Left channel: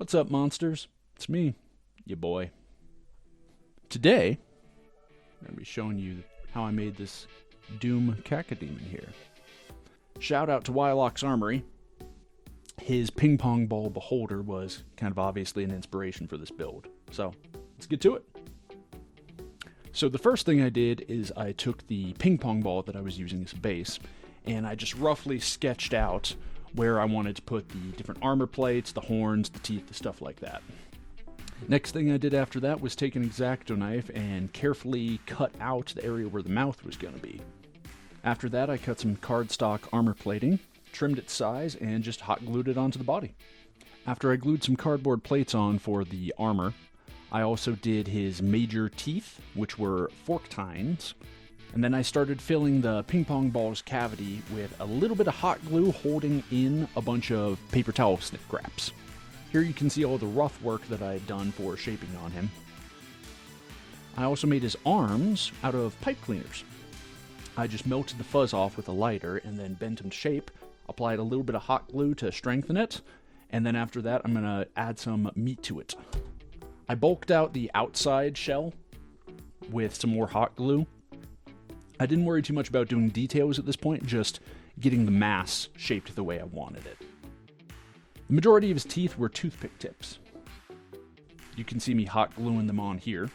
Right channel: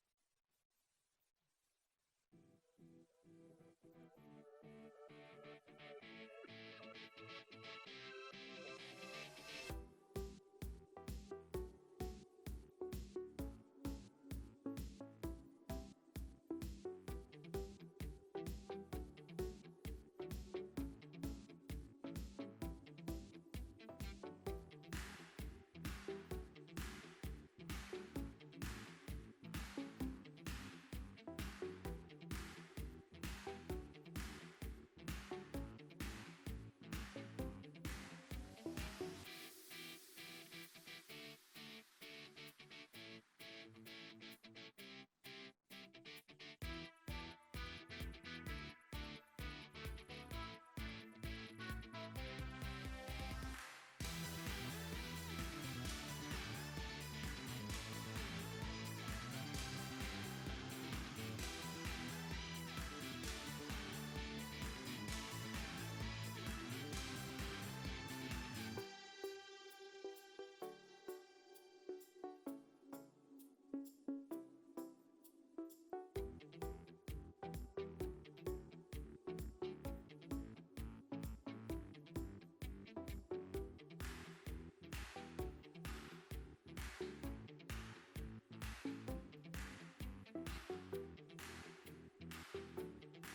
What's up, monsters? It's me, your boy. Today, I'm going to be showing you how I made this Doom Cacodemon here. Shout out to Wyloch's Armory. His ping pong ball beholder was kind of obviously an inspiration for this build. So, let's get to it. So the first thing I did is I took the ping pong ball that I was using as a base, and I just roughly sketched out where I wanted to put the different armor plates, the horns, the teeth, the stuff like that. Next thing I did after that was take an X-Acto knife and carefully cut out the area where the mouth was going to be. After that I cut some cardstock armor plating, trimmed its size, and just hot glued it onto the body. After I glued some cardboard plates on for the armor, I also did his major teeth, which were fork tines, and then I started filling the ping pong ball's cavity with a little bit of hot glue holding in a bunch of paper towel snip wraps. Here you can see all the rough work that I had done for shaping on him. I also made his arms out of pipe cleaners. I just melted the fuzz off with a lighter and then bent him to shape, applied a little bit of hot glue to strengthen it, and then after that I'm going to add some meat to it. I bulked out the outside shell with some more hot glue. I didn't worry too much about doing details at this point, just getting the mass shaped the way I wanted it. The majority of his teeth were toothpick tips. You can see me hot gluing them on here.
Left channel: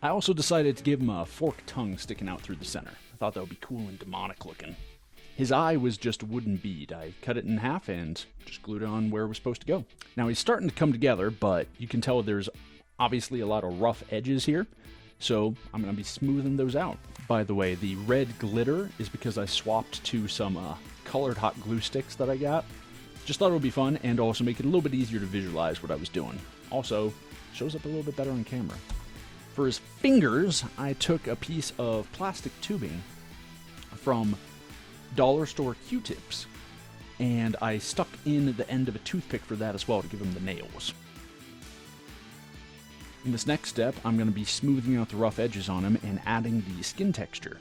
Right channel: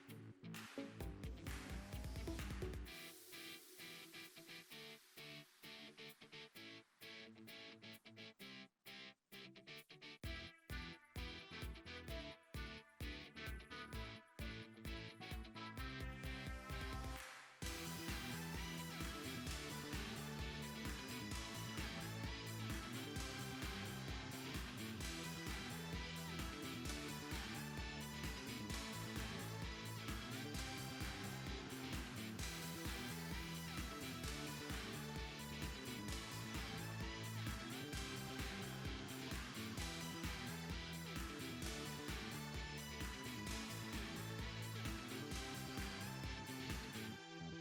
I also decided to give him a forked tongue sticking out through the center. I thought that would be cool and demonic looking. His eye was just a wooden bead. I cut it in half and just glued it on where it was supposed to go. Now he's starting to come together, but you can tell there's obviously a lot of rough edges here, so I'm going to be smoothing those out. By the way, the red glitter is because I swapped to some colored hot glue sticks that I got. Just thought it would be fun and also make it a little bit easier to visualize what I was doing. Also, shows up a little bit better on camera. For his fingers, I took a piece of plastic tubing from dollar store Q-tips, and I stuck in the end of a toothpick for that as well to give him the nails. In this next step, I'm going to be smoothing out the rough edges on him and adding the skin texture.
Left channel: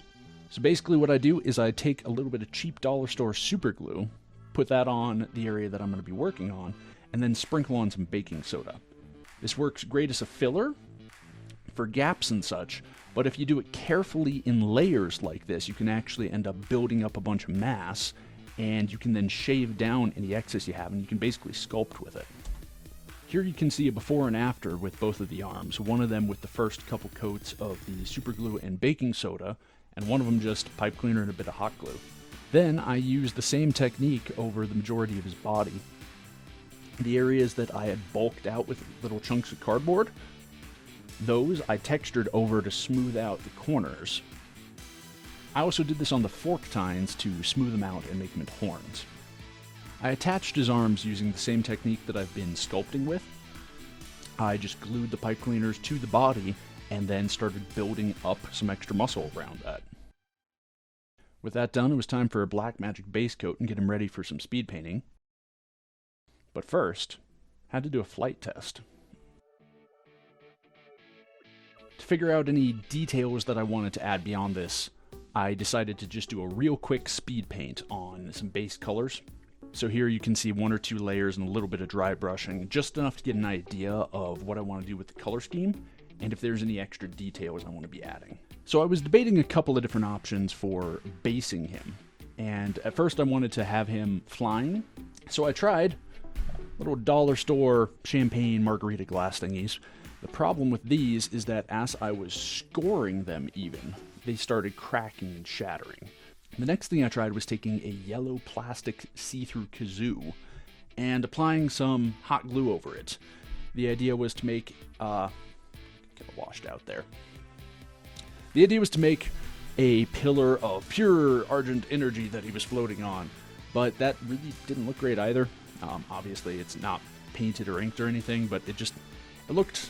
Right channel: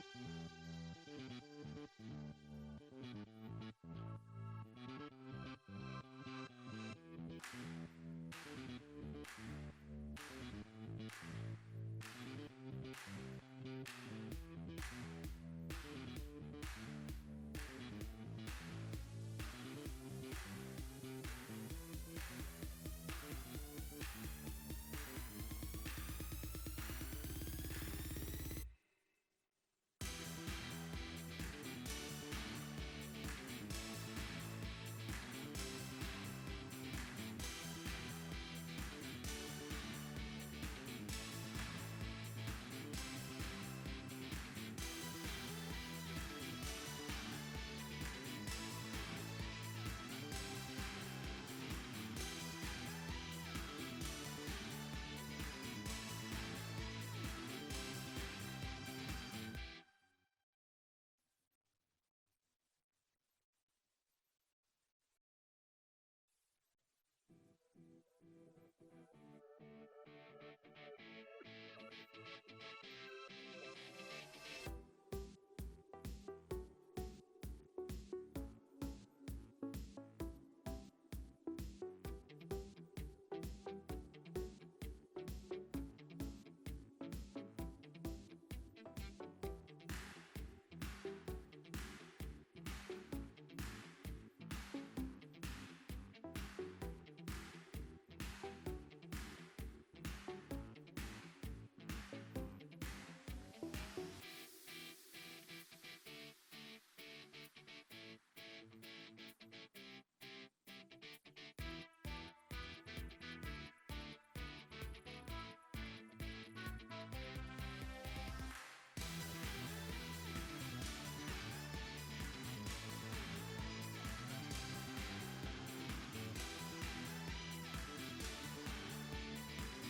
So basically what I do is I take a little bit of cheap dollar store super glue, put that on the area that I'm going to be working on, and then sprinkle on some baking soda. This works great as a filler for gaps and such, but if you do it carefully in layers like this, you can actually end up building up a bunch of mass, and you can then shave down any excess you have, and you can basically sculpt with it. Here you can see a before and after with both of the arms, one of them with the first couple coats of the super glue and baking soda, and one of them just pipe cleaner and a bit of hot glue. Then I used the same technique over the majority of his body. The areas that I had bulked out with little chunks of cardboard, those I textured over to smooth out the corners. I also did this on the fork tines to smooth them out and make them into horns. I attached his arms using the same technique that I've been sculpting with. I just glued the pipe cleaners to the body and then started building up some extra muscle around that. With that done, it was time for a black magic base coat and get him ready for some speed painting. But first, I had to do a flight test. To figure out any details that I wanted to add beyond this, I decided to just do a real quick speed paint on some base colors. So here you can see one or two layers and a little bit of dry brushing, just enough to get an idea of what I want to do with the color scheme, and if there's any extra details I want to be adding. So I was debating a couple of different options for basing him, and at first I wanted to have him flying, so I tried little dollar store champagne margarita glass thingies. The problem with these is that as I was scoring them even, they started cracking and shattering. The next thing I tried was taking a yellow plastic see-through kazoo and applying some hot glue over it. The idea was to make, kind of washed out there. The idea was to make a pillar of pure argent energy that he was floating on, but that really didn't look great either. Obviously it's not painted or inked or anything, but it looked,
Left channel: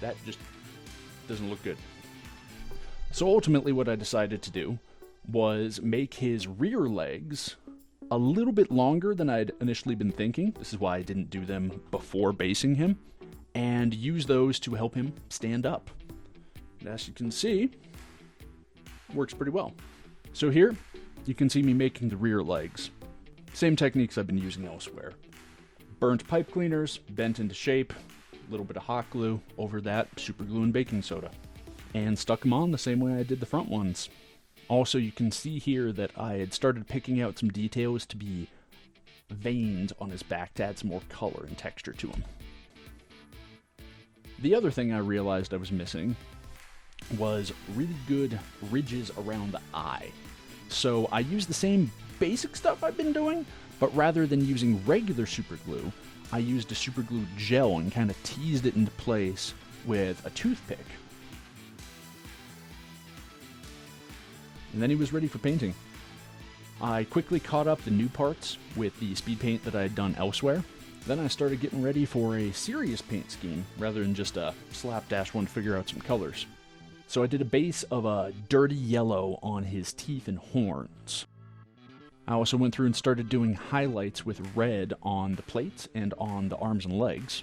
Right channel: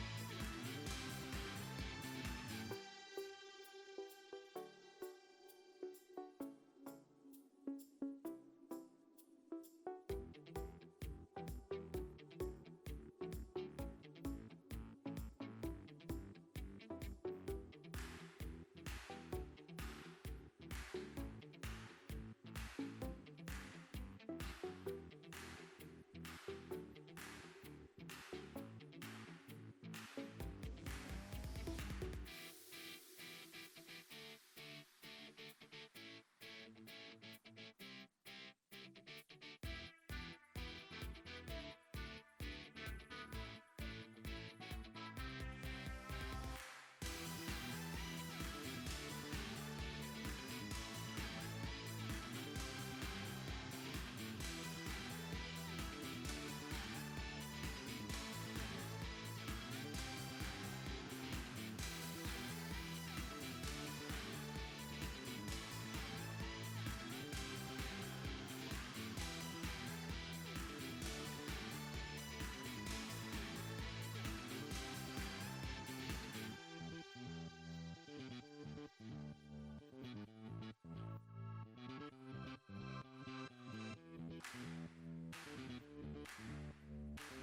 that just doesn't look good. So ultimately what I decided to do was make his rear legs a little bit longer than I'd initially been thinking. This is why I didn't do them before basing him, and use those to help him stand up. And as you can see, it works pretty well. So here, you can see me making the rear legs. Same techniques I've been using elsewhere. burnt pipe cleaners, bent into shape, a little bit of hot glue over that, super glue and baking soda, and stuck them on the same way I did the front ones. Also, you can see here that I had started picking out some details to be veins on his back to add some more color and texture to him. The other thing I realized I was missing was really good ridges around the eye. So I used the same basic stuff I've been doing, but rather than using regular super glue, I used a super glue gel and kind of teased it into place with a toothpick. And then he was ready for painting. I quickly caught up the new parts with the speed paint that I had done elsewhere. Then I started getting ready for a serious paint scheme rather than just a slapdash one to figure out some colors. So I did a base of a dirty yellow on his teeth and horns. I also went through and started doing highlights with red on the plates and on the arms and legs.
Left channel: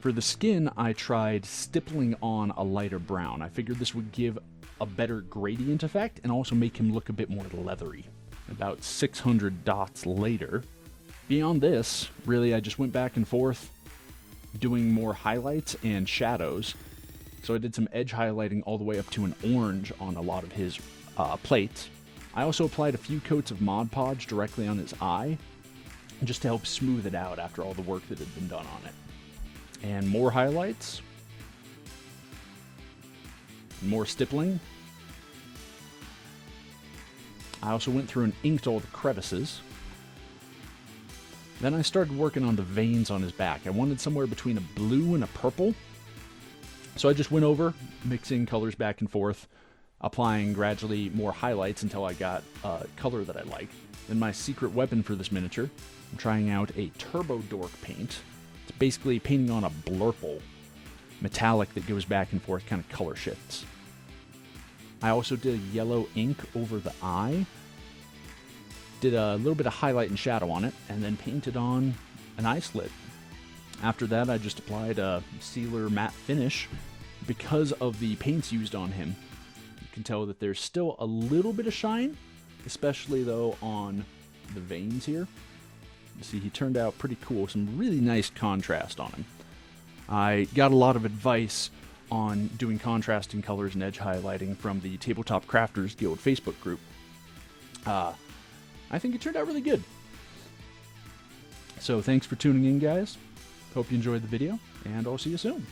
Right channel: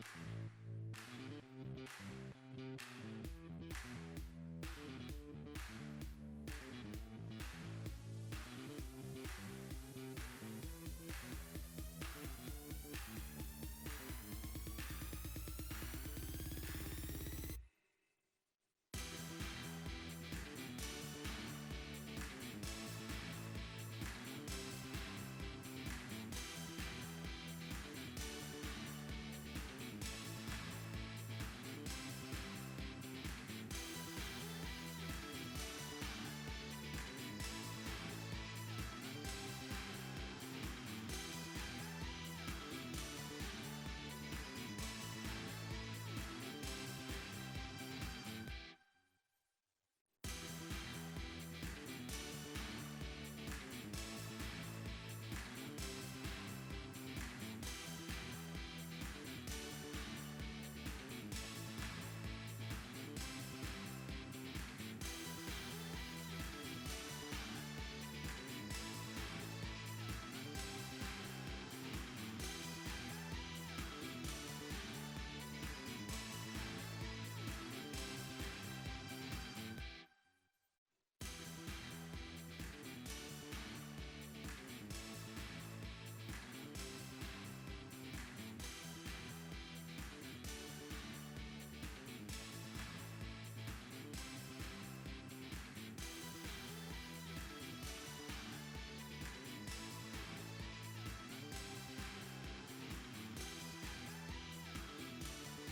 For the skin, I tried stippling on a lighter brown. I figured this would give a better gradient effect and also make him look a bit more leathery. About 600 dots later, beyond this, really I just went back and forth doing more highlights and shadows. So I did some edge highlighting all the way up to an orange on a lot of his plates. I also applied a few coats of Mod Podge directly on his eye, just to help smooth it out after all the work that had been done on it. And more highlights, more stippling. I also went through and inked all the crevices. Then I started working on the veins on his back. I wanted somewhere between a blue and a purple. So I just went over, mixing colors back and forth, applying gradually more highlights until I got a color that I like. Then my secret weapon for this miniature, I'm trying out a Turbo Dork paint. It's basically painting on a blurple, metallic that goes back and forth, kind of color shifts. I also did yellow ink over the eye, did a little bit of highlight and shadow on it, and then painted on an eye slit. After that, I just applied a sealer matte finish. Because of the paints used on him, you can tell that there's still a little bit of shine, especially though on the veins here. You see, he turned out pretty cool, some really nice contrast on him. I got a lot of advice on doing contrasting colors and edge highlighting from the Tabletop Crafters Guild Facebook group. I think it turned out really good. So thanks for tuning in, guys. Hope you enjoyed the video, and I'll see you soon.